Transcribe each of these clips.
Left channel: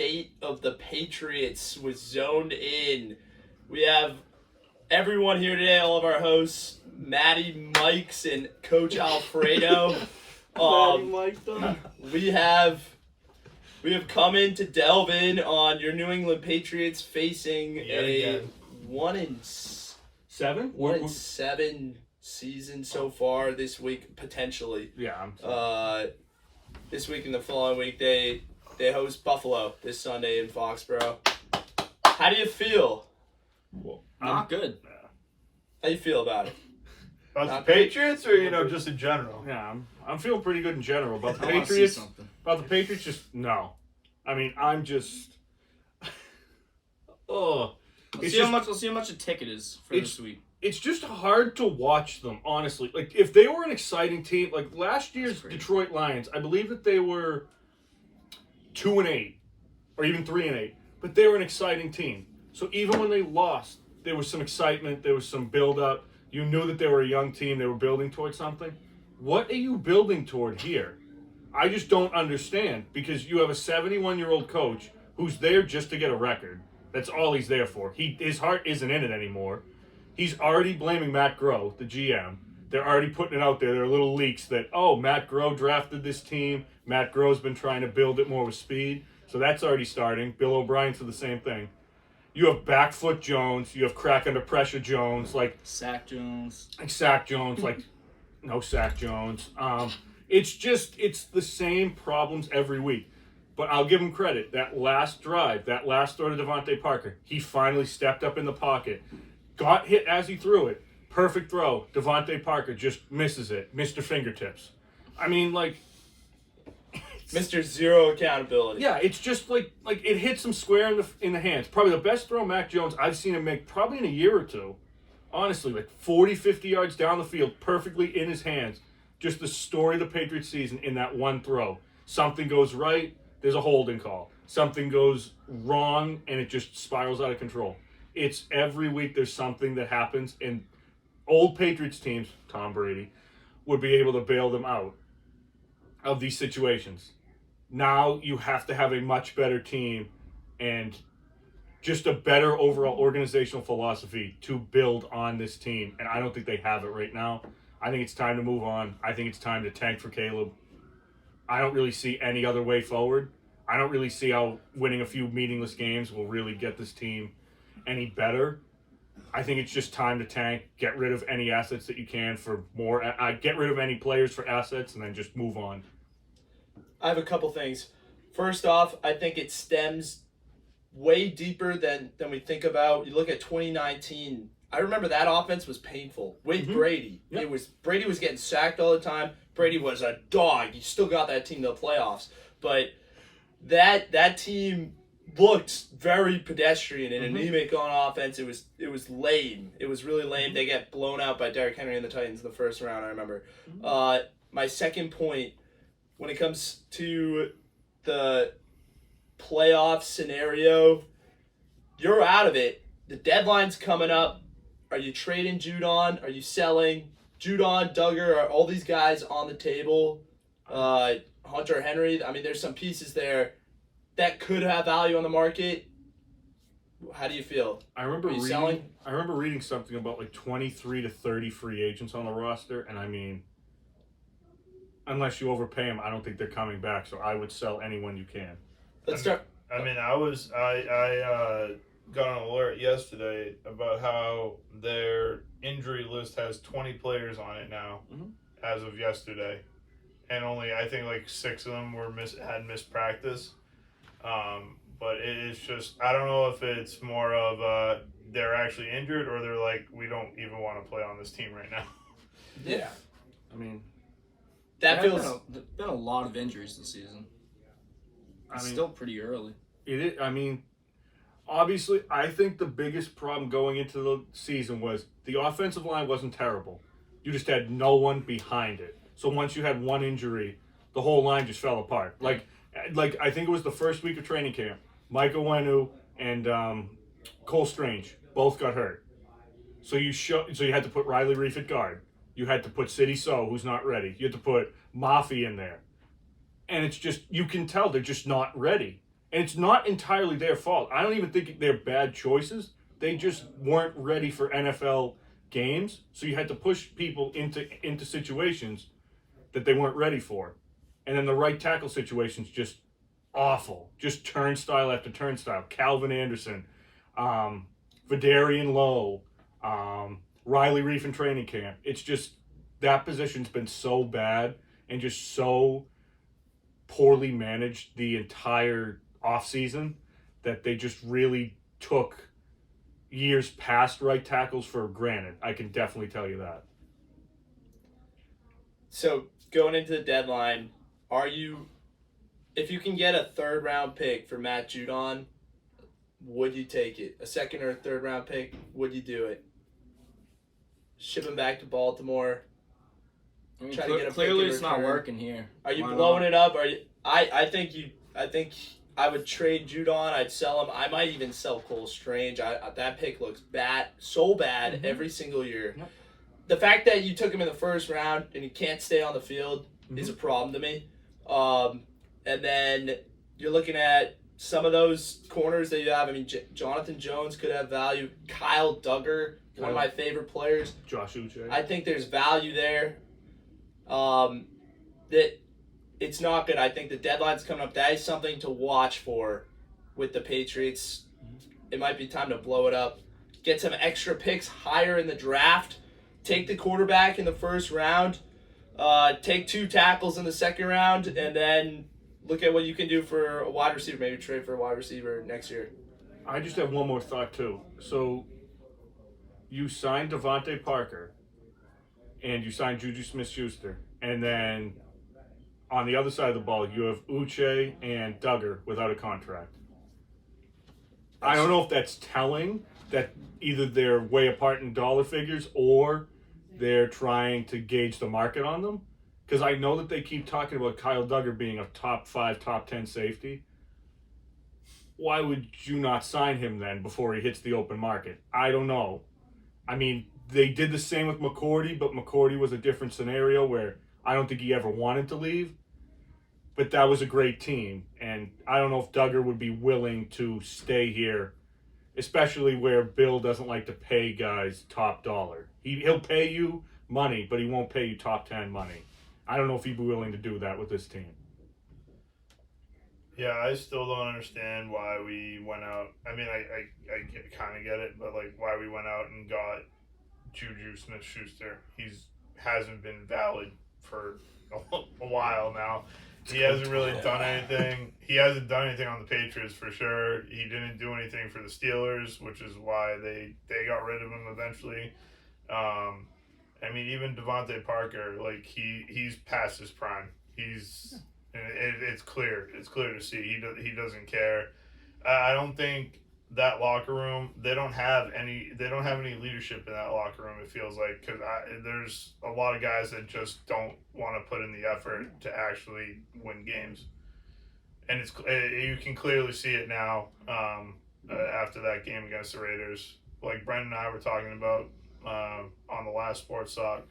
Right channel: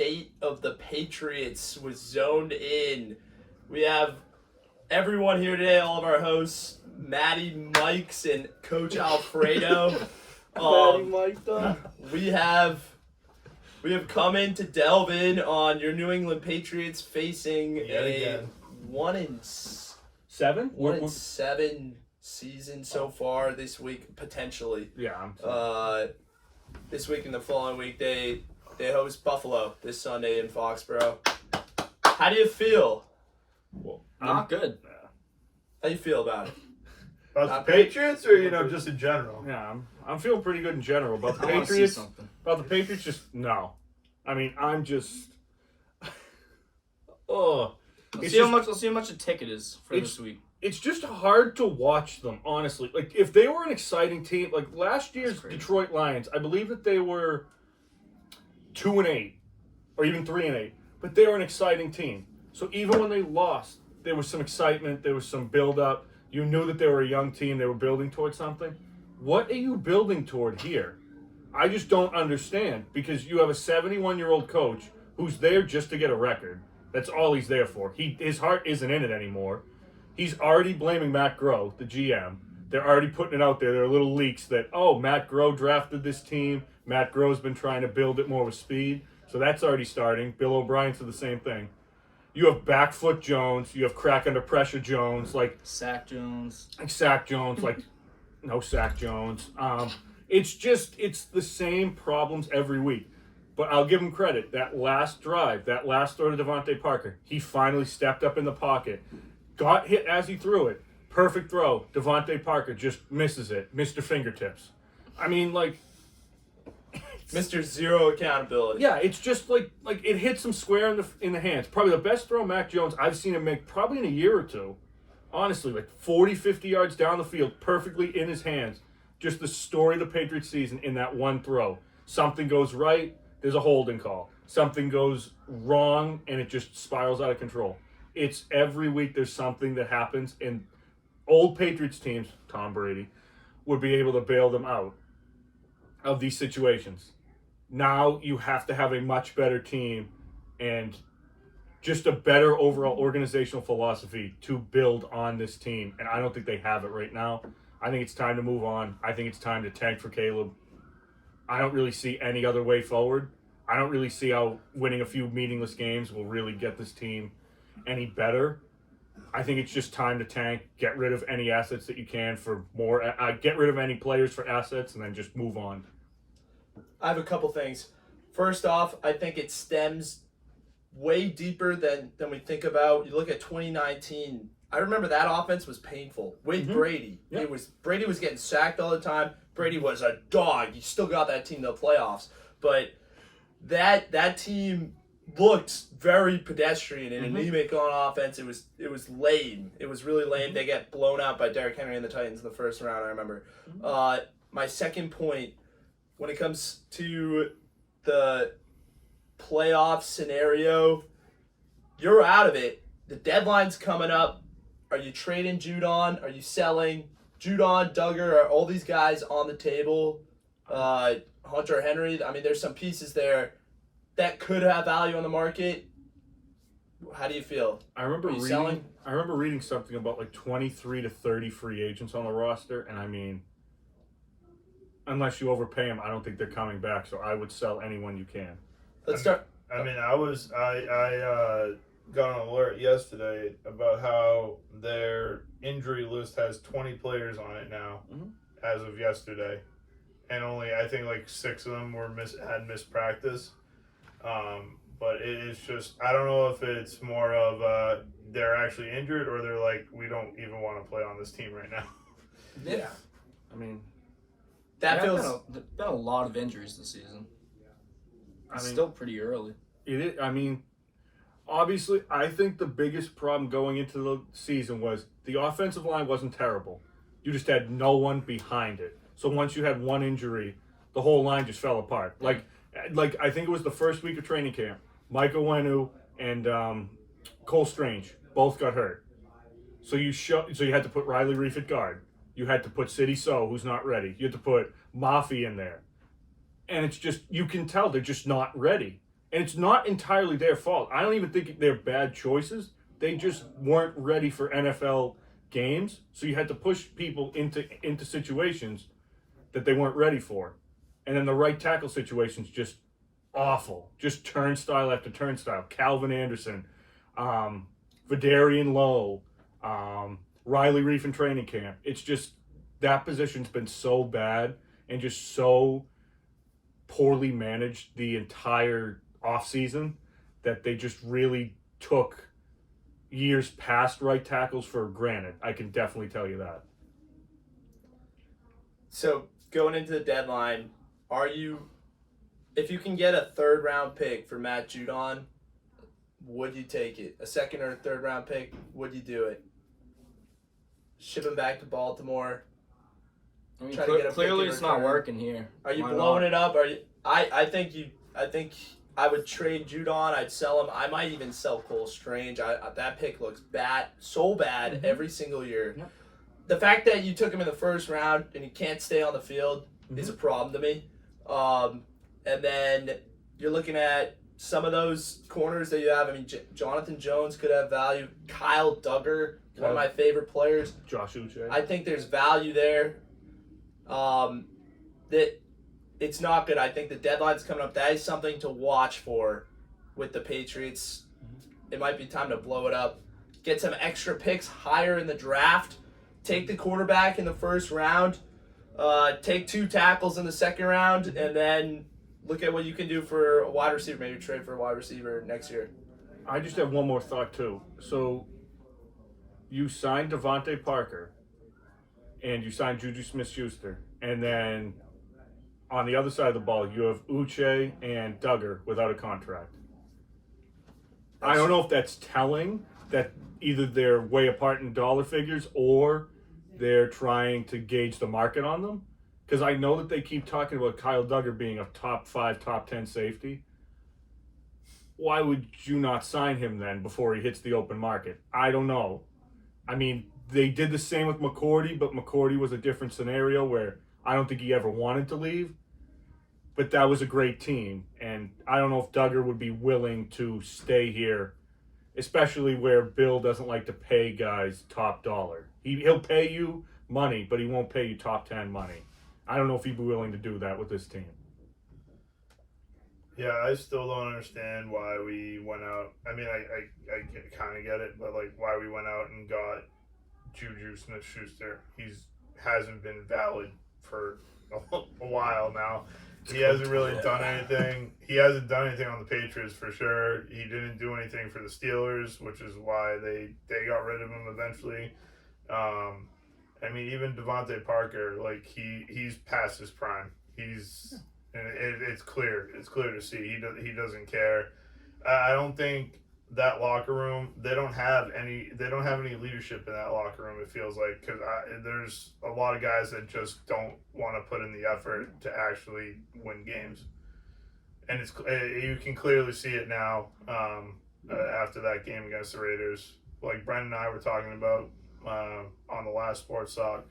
state of the Patriots was zoned in. We have everyone here today, all of our hosts, Maddie Mikes and Coach Alfredo. Maddie Mike done. We have come in to delve in on your New England Patriots facing a 1-7. 1-7 season so far this week, potentially. Yeah. This week and the following week, they host Buffalo this Sunday in Foxborough. How do you feel? Well, Not good. How do you feel about it? About the Patriots, or just in general? Yeah, I'm feeling pretty good in general. About the I wanna see Patriots, something. just no. I mean, I'm just. Oh, Let's see how much a ticket is for this week. it's just hard to watch them, honestly. Like, if they were an exciting team, like last year's crazy. Detroit Lions, I believe that they were 2-8, or even 3-8, but they were an exciting team. So even when they lost, there was some excitement, there was some build-up. You knew that they were a young team, they were building towards something. What are you building toward here? I just don't understand, because you have a 71-year-old coach who's there just to get a record. That's all he's there for. His heart isn't in it anymore. He's already blaming Matt Groh, the GM. They're already putting it out there. There are little leaks that, Matt Groh drafted this team. Matt Groh's been trying to build it more with speed. So that's already starting. Bill O'Brien said the same thing. You have back foot Jones. You have crack under pressure Jones. Sack Jones. Sack Jones. No Sack Jones. It's the same problems every week. But I'll give him credit. That last drive, that last throw to Devontae Parker, he finally stepped up in the pocket. Got hit as he threw it. Perfect throw. Devontae Parker just misses it. Mr. Fingertips. I mean, Mr. Zero accountability. yeah, it's just like it hits him square in the hands. Probably the best throw Mac Jones I've seen him make probably in a year or two. Honestly, 40, 50 yards down the field, perfectly in his hands. Just the story of the Patriots season in that one throw. Something goes right, there's a holding call. Something goes wrong, and it just spirals out of control. It's every week there's something that happens, and old Patriots teams, Tom Brady, would be able to bail them out of these situations. Now you have to have a much better team and just a better overall organizational philosophy to build on this team. And I don't think they have it right now. I think it's time to move on. I think it's time to tank for Caleb. I don't really see any other way forward. I don't really see how winning a few meaningless games will really get this team any better. I think it's just time to tank, get rid of any assets that you can for more, get rid of any players for assets, and then just move on. I have a couple things. First off, I think it stems way deeper than we think about. You look at 2019. I remember that offense was painful with Brady. Yep. Brady was getting sacked all the time. Brady was a dog. He still got that team to the playoffs, but that team looked very pedestrian and anemic on offense. It was lame. It was really lame. They get blown out by Derrick Henry and the Titans in the first round, I remember. My second point, when it comes to the playoff scenario, you're out of it. The deadline's coming up. Are you trading Judon? Are you selling? Judon, Duggar, are all these guys on the table? Hunter Henry, I mean, there's some pieces there that could have value on the market. How do you feel? I remember Are you selling? reading something about 23 to 30 free agents on the roster, and I mean, unless you overpay them, I don't think they're coming back. So I would sell anyone you can. Let's start. I got an alert yesterday about how their injury list has 20 players on it now, as of yesterday, and only I think 6 of them had missed practice. But it's just, I don't know if it's more of they're actually injured or they're we don't even want to play on this team right now. Yeah. I mean, That feels. There's been a lot of injuries this season. It's I mean, still pretty early. it is. I mean, obviously, I think the biggest problem going into the season was the offensive line wasn't terrible. You just had no one behind it. So once you had one injury, the whole line just fell apart. Like I think it was the first week of training camp. Michael Wenu and Cole Strange both got hurt. So you had to put Riley Reef at guard. You had to put City So, who's not ready. You had to put Mafi in there. And it's just, you can tell they're just not ready. And it's not entirely their fault. I don't even think they're bad choices. They just weren't ready for NFL games, so you had to push people into situations that they weren't ready for. And then the right tackle situation's just awful. Just turnstile after turnstile. Calvin Anderson, Vidarian Lowe, Riley Reef in training camp. It's just that position's been so bad and just so poorly managed the entire offseason that they just really took years past right tackles for granted. I can definitely tell you that. So going into the deadline, if you can get a 3rd round pick for Matt Judon, would you take it? A 2nd or 3rd round pick, would you do it? Ship him back to Baltimore. I mean, Try to get a clearly pick in it's not return. working here. Are you Why blowing not? it up? I think I would trade Judon. I'd sell him. I might even sell Cole Strange. That pick looks bad, so bad every single year. Yep. The fact that you took him in the 1st round and he can't stay on the field is a problem to me. And then you're looking at some of those corners that you have. I mean, Jonathan Jones could have value. Kyle Duggar, one of my favorite players. Josh Uche. I think there's value there. That it's not good. I think the deadline's coming up. That is something to watch for with the Patriots. It might be time to blow it up. Get some extra picks higher in the draft. Take the quarterback in the 1st round. Take 2 tackles in the 2nd round, and then look at what you can do for a wide receiver. Maybe trade for a wide receiver next year. I just have one more thought, too. So you signed Devontae Parker, and you signed Juju Smith-Schuster, and then on the other side of the ball, you have Uche and Duggar without a contract. I don't know if that's telling that either they're way apart in dollar figures or they're trying to gauge the market on them. Because I know that they keep talking about Kyle Duggar being a top 5, top 10 safety. Why would you not sign him then before he hits the open market? I don't know. I mean, they did the same with McCourty, but McCourty was a different scenario where I don't think he ever wanted to leave. But that was a great team. And I don't know if Duggar would be willing to stay here, especially where Bill doesn't like to pay guys top dollar. He'll pay you money, but he won't pay you top 10 money. I don't know if he'd be willing to do that with this team. Yeah, I still don't understand why we went out. I mean, I kind of get it, but like why we went out and got Juju Smith-Schuster. He's hasn't been valid for a while now. He hasn't really done anything. He hasn't done anything on the Patriots for sure. He didn't do anything for the Steelers, which is why they got rid of him eventually. I mean, even Devontae Parker, like he's past his prime. It's clear. It's clear to see. He doesn't care. I don't think that locker room. They don't have any leadership in that locker room. It feels like because there's a lot of guys that just don't want to put in the effort to actually win games, and you can clearly see it now after that game against the Raiders. Like Brendan and I were talking about on the last Sports Talk,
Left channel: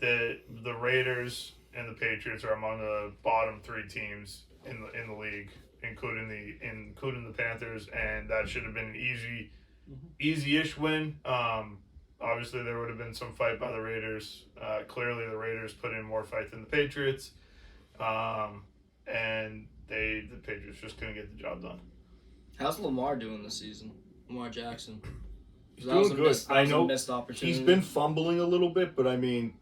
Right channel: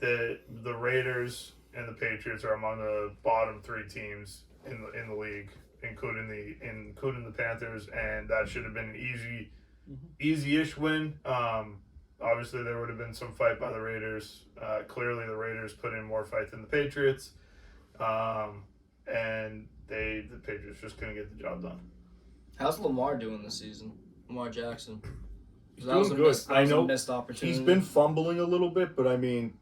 the Raiders and the Patriots are among the bottom 3 teams in the league, including the Panthers, and that should have been an easy-ish win. Obviously, there would have been some fight by the Raiders. Clearly, the Raiders put in more fight than the Patriots, and the Patriots just couldn't get the job done. How's Lamar doing this season? Lamar Jackson. He's doing good. I know a missed opportunity. he's been fumbling a little bit, but I mean,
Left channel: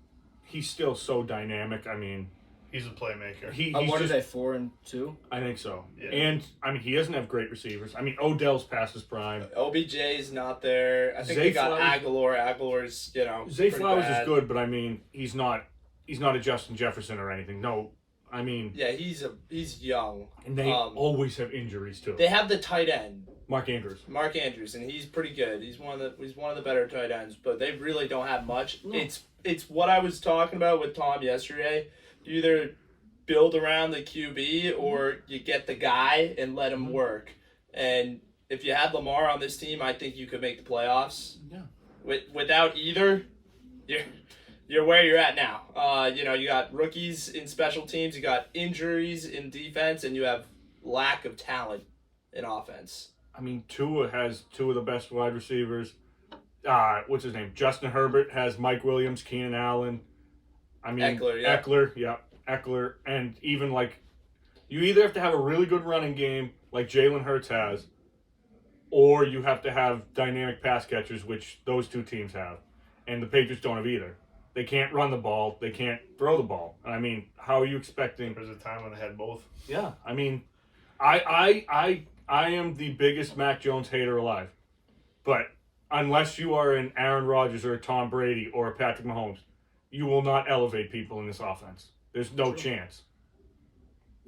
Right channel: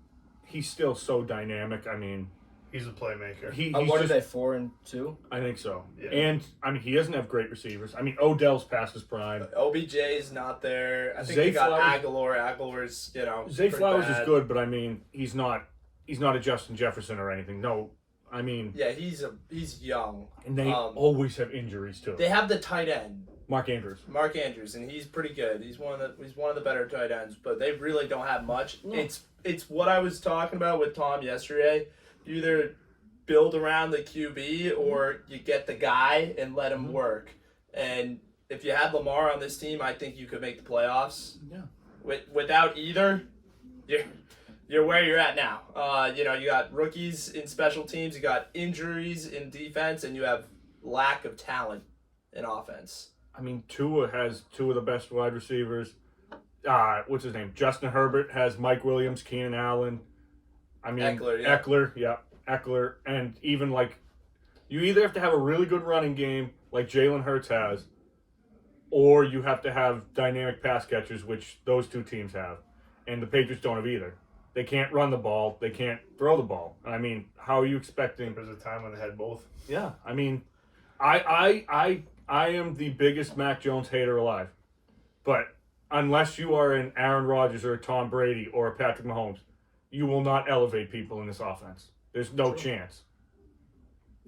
he's still so dynamic. I mean, He's a playmaker. What are they, 4-2? I think so. Yeah. And I mean, he doesn't have great receivers. I mean, Odell's past his prime. OBJ is not there. I think Zay they got Flowers- Aguilar. Aguilar's, Zay pretty Flowers bad. is good, but I mean, he's not a Justin Jefferson or anything. No, I mean, Yeah, he's young. and they always have injuries too. They have the tight end, Mark Andrews. Mark Andrews, and he's pretty good. He's one of the better tight ends, but they really don't have much. No. It's what I was talking about with Tom yesterday. You either build around the QB or you get the guy and let him work. And if you had Lamar on this team, I think you could make the playoffs. Yeah. Without either, you're where you're at now. You got rookies in special teams, you got injuries in defense, and you have lack of talent in offense. I mean, Tua has two of the best wide receivers. What's his name? Justin Herbert has Mike Williams, Keenan Allen. I mean, Eckler. And even, like, you either have to have a really good running game, like Jalen Hurts has, or you have to have dynamic pass catchers, which those two teams have. And the Patriots don't have either. They can't run the ball. They can't throw the ball. I mean, how are you expecting? There was a time when they had both. Yeah, I mean, I am the biggest Mac Jones hater alive. But unless you are an Aaron Rodgers or a Tom Brady or a Patrick Mahomes, you will not elevate people in this offense. There's no chance.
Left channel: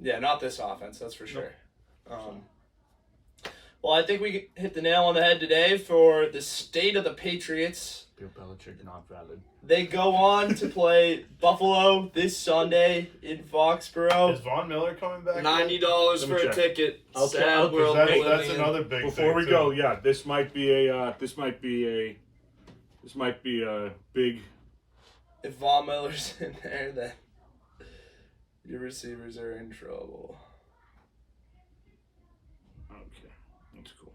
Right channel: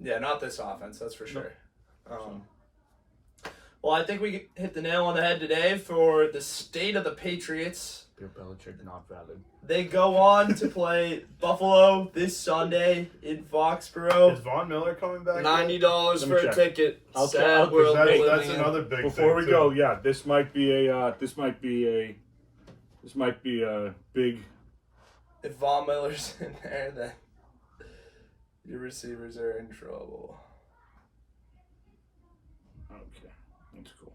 Yeah, not this offense, that's for sure. Well, I think we hit the nail on the head today for the state of the Patriots. Bill Belichick not valid. They go on to play Buffalo this Sunday in Foxborough. Is Von Miller coming back? $90 for a ticket. I'll Sad check. world we're That's living in. another big Before thing, we too. go, yeah, this might be a big. If Von Miller's in there, then your receivers are in trouble. Okay, that's cool.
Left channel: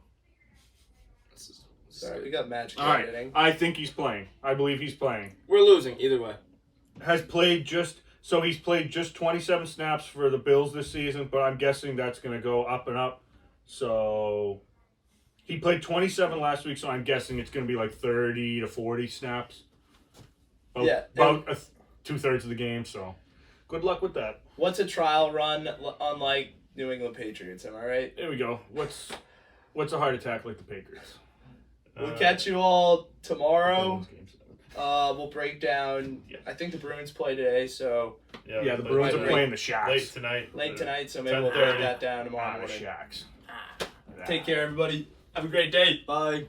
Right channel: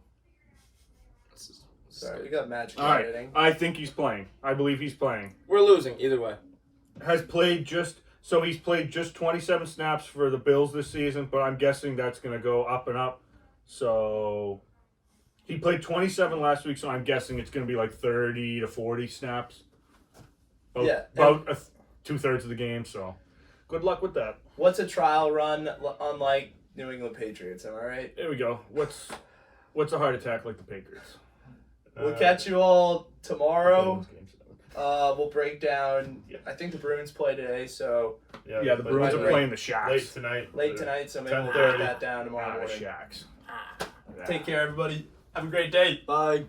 Sorry, we got magic All right, editing. I think he's playing. I believe he's playing. We're losing either way. He's played just 27 snaps for the Bills this season, but I'm guessing that's going to go up and up. So he played 27 last week, so I'm guessing it's going to be like 30 to 40 snaps. About 2/3 of the game. So good luck with that. What's a trial run unlike New England Patriots? Am I right? There we go. What's a heart attack like the Patriots? We'll catch you all tomorrow. Those games. We'll break down. I think the Bruins play today, so Yeah, the Bruins are playing the Shacks. late tonight. So maybe we'll 10:30. break that down tomorrow The morning. Shacks. Take care, everybody. Have a great day. Bye.